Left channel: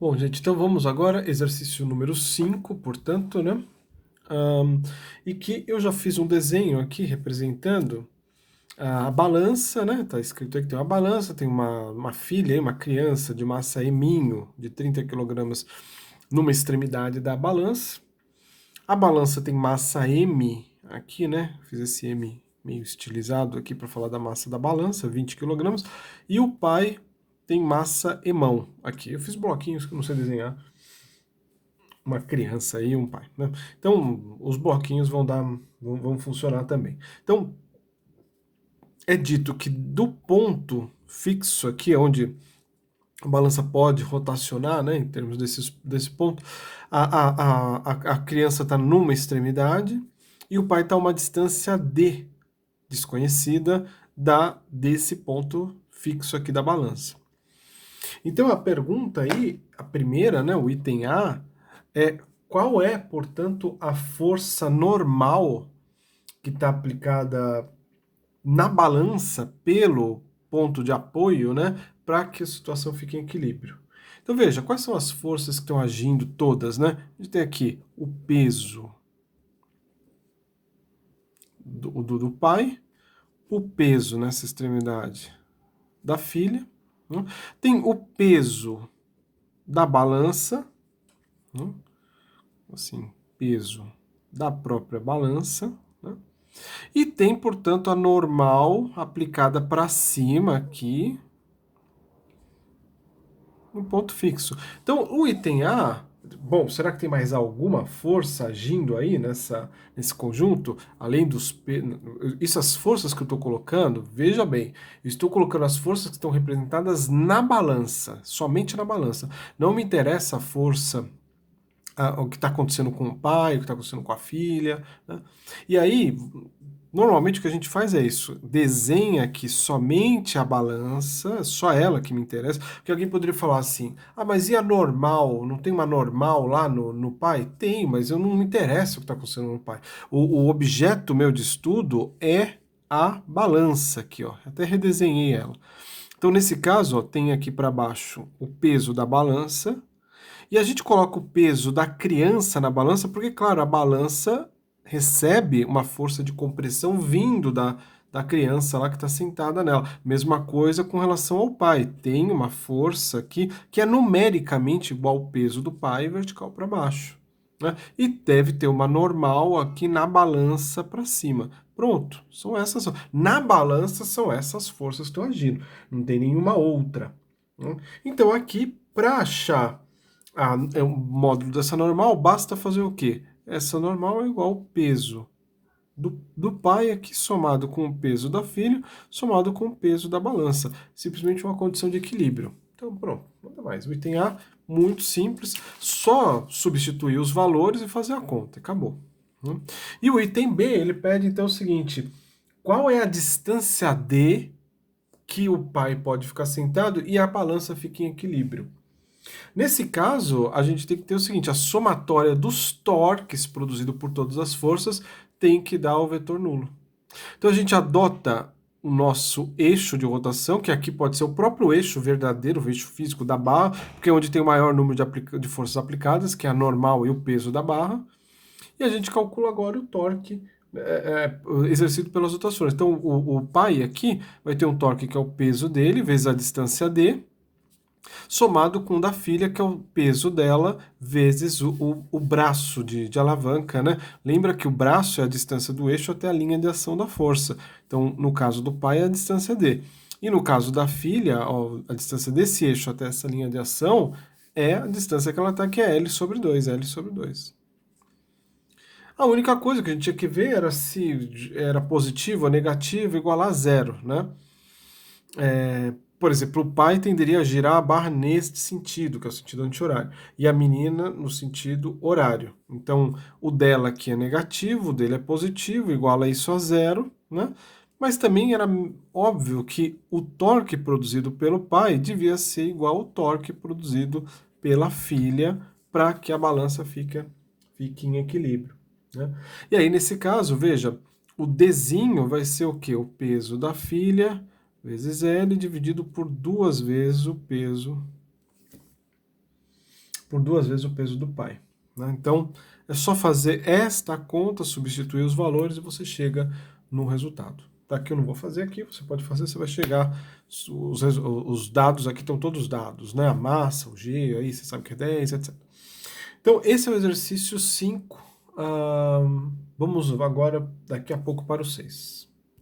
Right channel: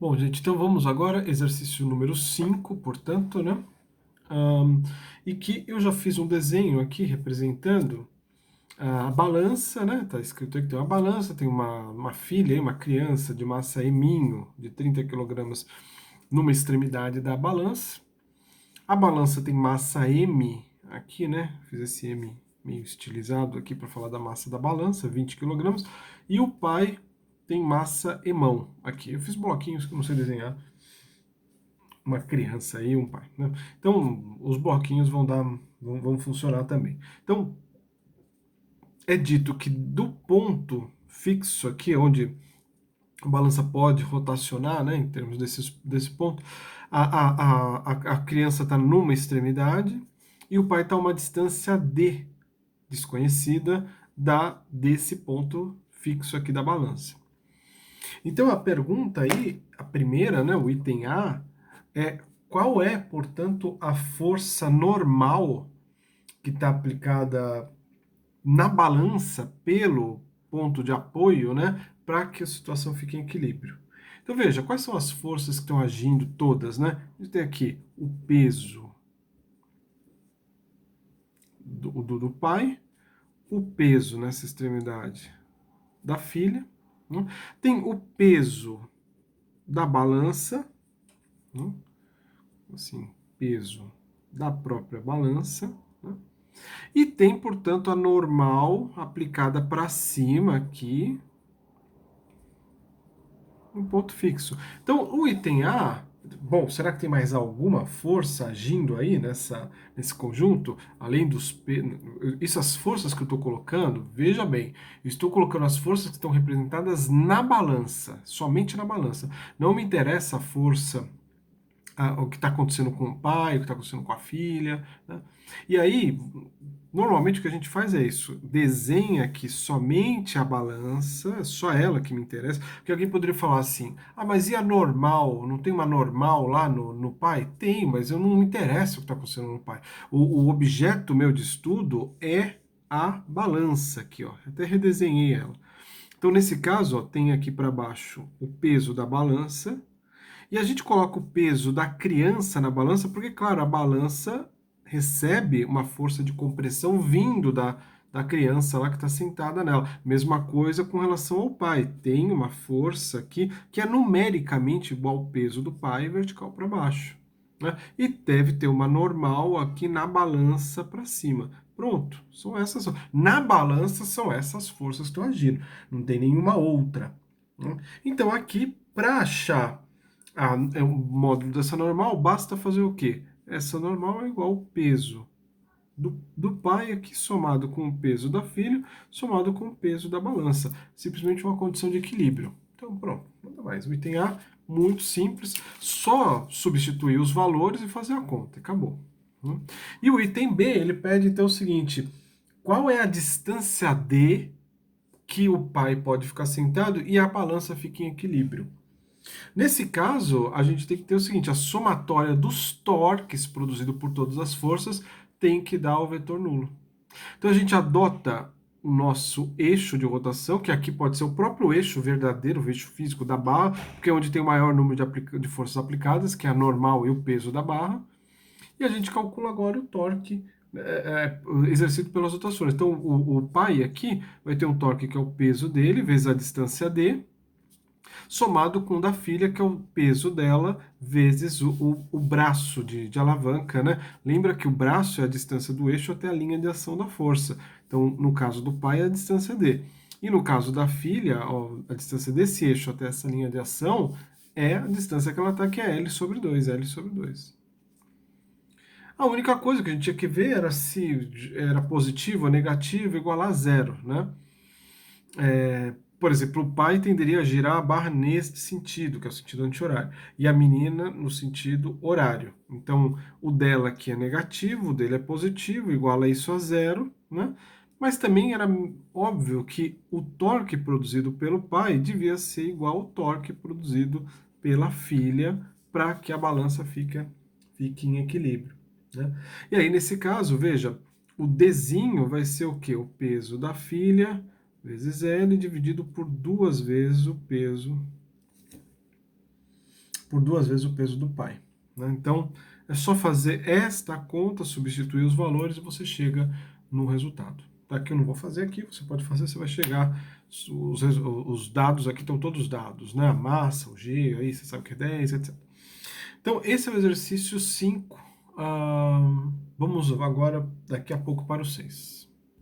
Bom, gente, então vamos agora, exercício número 5, portanto, né? Ahn, e que eu já fiz um desenho aqui representando a balança, né? Tá escrito aí que tem uma balança, tem uma filha, aí, uma criança de massa eminho de 30 quilogramas numa extremidade da balança. A balança tem massa M aqui, né? Fiz esse M meio estilizado aqui para falar da massa da balança, 20 quilogramas. E o pai tem massa emão aqui. Eu fiz bloquinhos que eu não sei desenhar, uma criança e um pai, né? Então, os bloquinhos vão funcionar também. Então, é dito que do ponto fixo aqui, onde a balança pode rotacionar, né, em termos desse ponto, a criança está numa extremidade e o pai está a uma distância D, desconhecida, desse ponto fixo aqui da balança. Então a pergunta aí, a primeira, né, o item A, é qual é, portanto, a força normal que está aplicada na balança pelo ponto de apoio, né, para que a situação fique em equilíbrio. Então veja, quais são as forças que estão agindo todas, né? A gente tem aqui o peso do pai, o peso nessa extremidade da filha, né? Tem o peso da balança, né? Assim, peso da própria balança, né? E tem, portanto, a normal aplicada para cima aqui, um ponto fixo. Então, o item A, bom, será que tem mais alguma força agindo aí nesse conjunto, além isso, as forças que eu estou colocando, veja bem, eu estou colocando as forças que estão representadas na balança, somente na balança. Não me interessa a força, o que está acontecendo com o pai, o que está acontecendo com a filha, né? E aí, normalmente o que a gente faz é isso, desenha aqui somente a balança, só ela que me interessa, porque alguém poderia falar assim, ah, mas e a normal? Não tem uma normal lá no pai? Tem, mas eu não me interessa o que está acontecendo no pai. O objeto meu de estudo é a balança aqui, ó. Até redesenhei ela. Então, nesse caso, ó, tem aqui para baixo o peso da balança, e a gente coloca o peso da criança na balança, porque, claro, a balança recebe uma força de compressão vindo da criança lá que está sentada nela. Mesma coisa com relação ao pai. Tem uma força aqui que é numericamente igual ao peso do pai vertical para baixo, né? E deve ter uma normal aqui na balança para cima. Pronto, são essas. Na balança são essas forças que estão agindo. Não tem nenhuma outra, né? Então aqui, para achar é um módulo dessa normal, basta fazer o quê? Essa normal é igual ao peso do pai aqui somado com o peso da filha, somado com o peso da balança. Simplesmente uma condição de equilíbrio. Então, pronto, nada mais. O item A, muito simples, só substituir os valores e fazer a conta, acabou, né? E o item B, ele pede então o seguinte, qual é a distância D que o pai pode ficar sentado e a balança fica em equilíbrio? Nesse caso, a gente tem que ter o seguinte, a somatória dos torques produzido por todas as forças tem que dar o vetor nulo. Então a gente adota o nosso eixo de rotação, que aqui pode ser o próprio eixo verdadeiro, o eixo físico da barra, porque é onde tem o maior número de forças aplicadas, que é a normal e o peso da barra, e a gente calcula agora o torque exercido pelas rotações. Então o pai aqui vai ter um torque que é o peso dele, vezes a distância d, somado com o da filha, que é o peso dela, vezes o braço de alavanca, né? Lembra que o braço é a distância do eixo até a linha de ação da força. Então, no caso do pai, é a distância D. E no caso da filha, ó, a distância desse eixo até essa linha de ação é a distância que ela está, que é L sobre 2, L sobre 2. A única coisa que a gente tinha que ver era se era positivo ou negativo igual a zero, né? Por exemplo, o pai tenderia a girar a barra neste sentido, que é o sentido anti-horário, e a menina no sentido horário. Então, o dela aqui é negativo, o dele é positivo, igual a isso a zero, né? Mas também era óbvio que o torque produzido pelo pai devia ser igual ao torque produzido pela filha para que a balança fique em equilíbrio, né? E aí, nesse caso, veja, o Dzinho vai ser o quê? O peso da filha vezes L dividido por duas vezes o peso por 2 vezes o peso do pai, né? Então, é só fazer esta conta, substituir os valores e você chega no resultado. Tá? Aqui eu não vou fazer aqui, você pode fazer, você vai chegar, os dados aqui estão todos dados, né? A massa, o G, aí você sabe que é 10, etc. Então, esse é o exercício 5. Vamos agora, daqui a pouco, para o 6.